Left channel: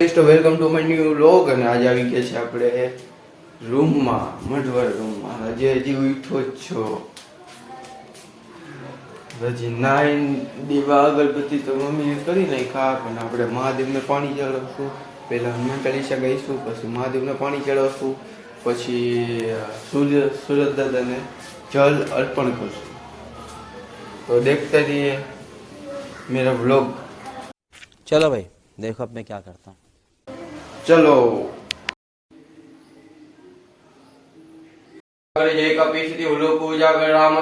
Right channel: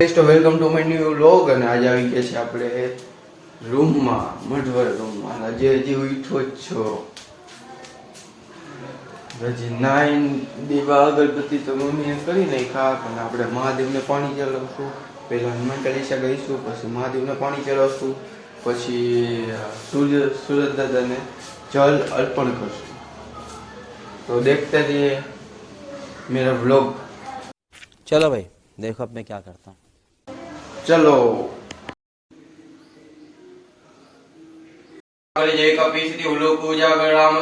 તો welcome to my new vlog અને આજે આવી ગયા છે આપણે રૂમમાં મઢવર રૂમમાં હજી ઉઠો જ છો હજી નાઈન દીવા અગરબત્તી તો મમ્મીએ કરી નાખ્યા પણ આપણે મહાદેવને પાણી ચડાવશું પહેલા હનુમાન ચાલીસા ગાઈશું પછી મહાદેવને પાણી ચડાવશું પછી સુરત દાદાને જલ અર્પણ કરશું तो देखते रहिए मेरा व्लॉग। चलो भाई देखो अब मैं क्या करता हूँ। चलो जय कपी श्री उलोक पूजा राम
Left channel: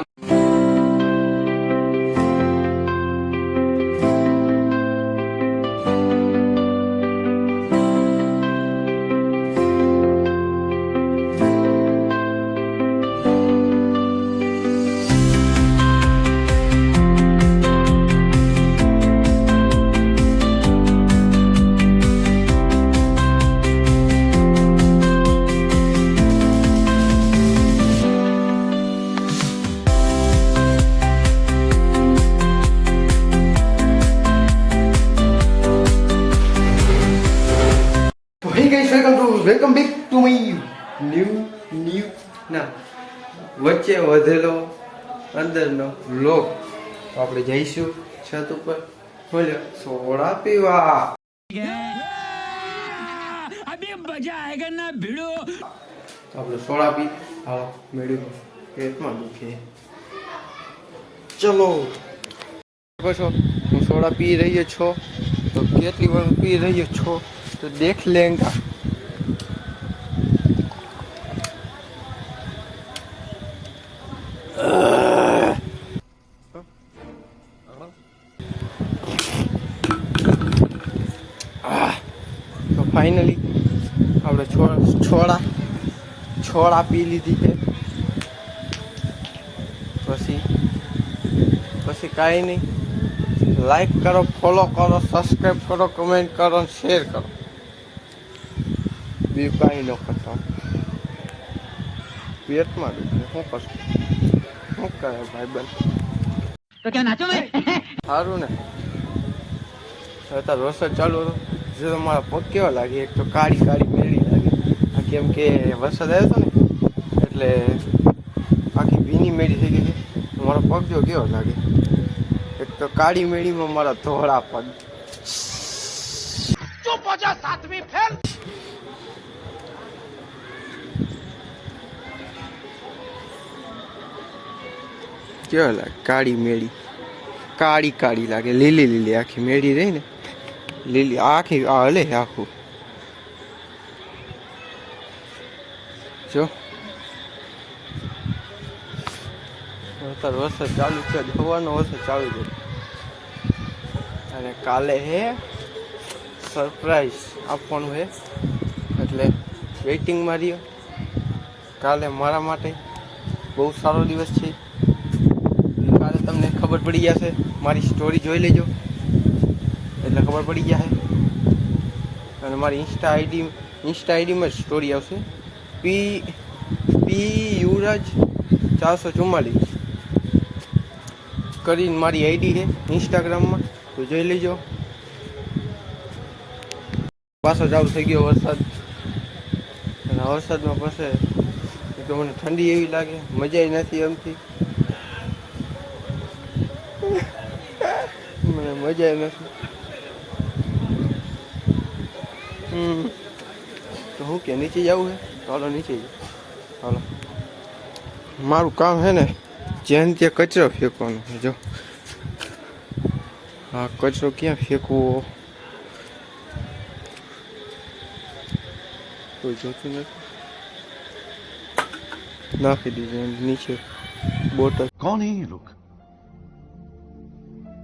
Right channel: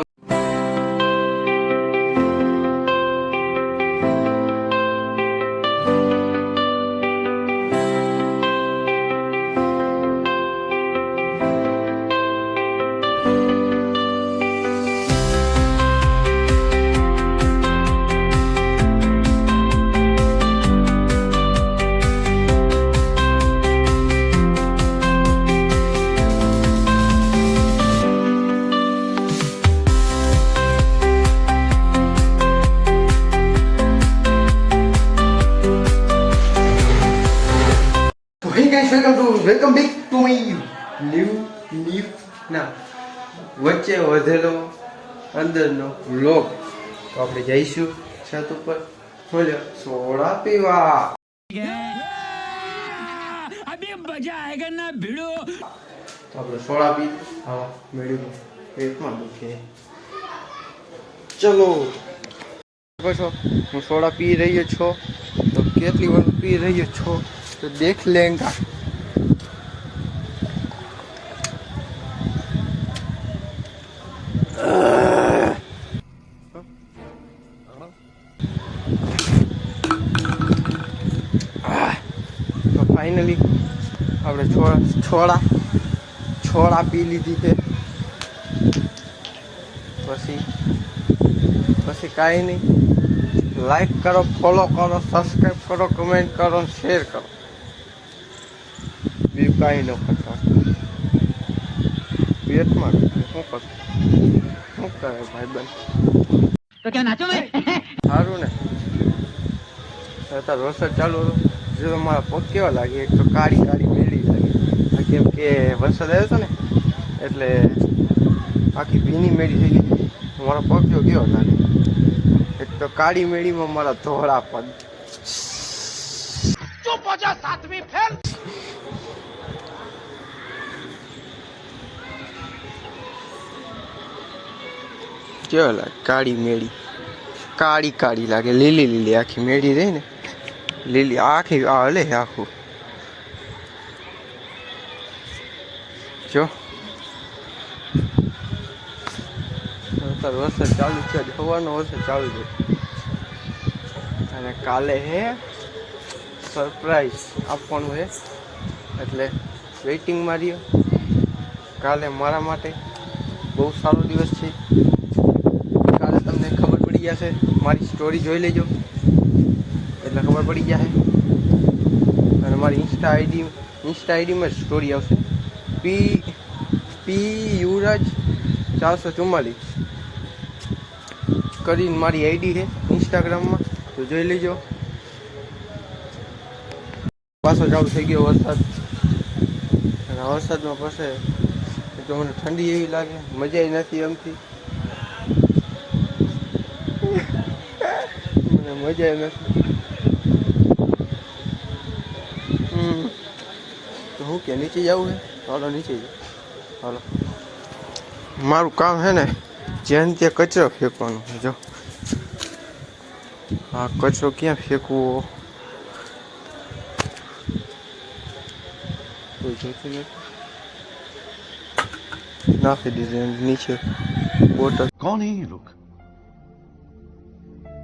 welcome back to my new ના વચ્ચે વધેલો અંદરનો વ્લોગ તો આપણે જઈશું છત ઉપર બોલ્યો સોડા પીવા અભી મજા આયેગા ના ભીડો તો આપણે સોડા પી હા મેળ્યું પેટમાં દુખે ચલો છો હું સોડા પી રહ્યો છો તો કેટલી વાર પી રહ્યો છો तो देख लेंगे तो फाइनली આપણે છોડા પી લીધી છે પછી કાંઈ નહીં લાઈક કરો ફોલો કરો સબસ્ક્રાઈબ કરો કમેન્ટ કરો અને શેર કરો બીજું કાંઈ ન કરતો પેટમાં શું કરશું શું કરે ભાઈ બંધ તો ક્યાં નાચો સારું ને અત્યારે વરસાદ ચાલુ હતો જો મારા પગ કેવા લાગે એક તો કાળી મેળી લાગે કેમ કે વરસાદ આવ્યો હતો ને એટલે આખી ભીની મેળી થઈ ગઈ છે મારો પગ જો કેવો લાગે એક તો કાળી મેળીમાં મારા ધોળા પગ ચૂપ હો જા સાતમી ફેલ કેવો લાગે કાળી મેળી કાળી લાગે લીલી આખી મેળી રહી ને લીલી આખી હલે આખું જો વરસાદ ચાલુ છે હવાનો વરસાદ ચાલુ છે અને કાલે હે સરપ્રાઈઝ આપવાનું હે એટલે વેઇટિંગમાં રહ્યો કાલે મારા માટે બહુ સારો દિવસ છે કાલે તમને ખબર પડી જશે મારી સ્ટોરી જોઈ લેજો એટલે ખબર પડી જશે અને મારી ઇન્સ્ટા આઈડીમાં સ્ટોરી આવશે પી યુવરાજ 444 કરીને મારી આઈડી છે ઇન્સ્ટાગ્રામમાં તો જોઈ લેજો પાછો ચાલુ થઈ ગયો વરસાદ અને વરસાદમાં પછી તો મને ઠંડી એવી લાગે મજા નથી એમથી મને મજા નથી તો હું કે નીચે જવું હે ચાલો નીચે જાવ ચાલો મારું કામ હે ને જ્યાં ત્યાં કચરો ફેંકવાનો છે જો હા કચરો ક્યાં ફેંકવો કોઈ જોતું નથી નાખી દીધું નીચે બોટલ कौन है ये लोग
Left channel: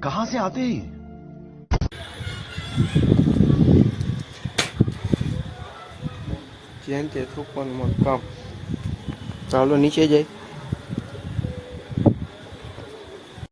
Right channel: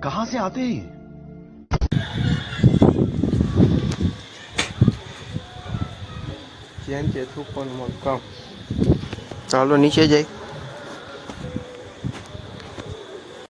कहां से आते हैं જ્યાં ત્યાં થૂકવાનું મારું કામ ચાલો નીચે જાય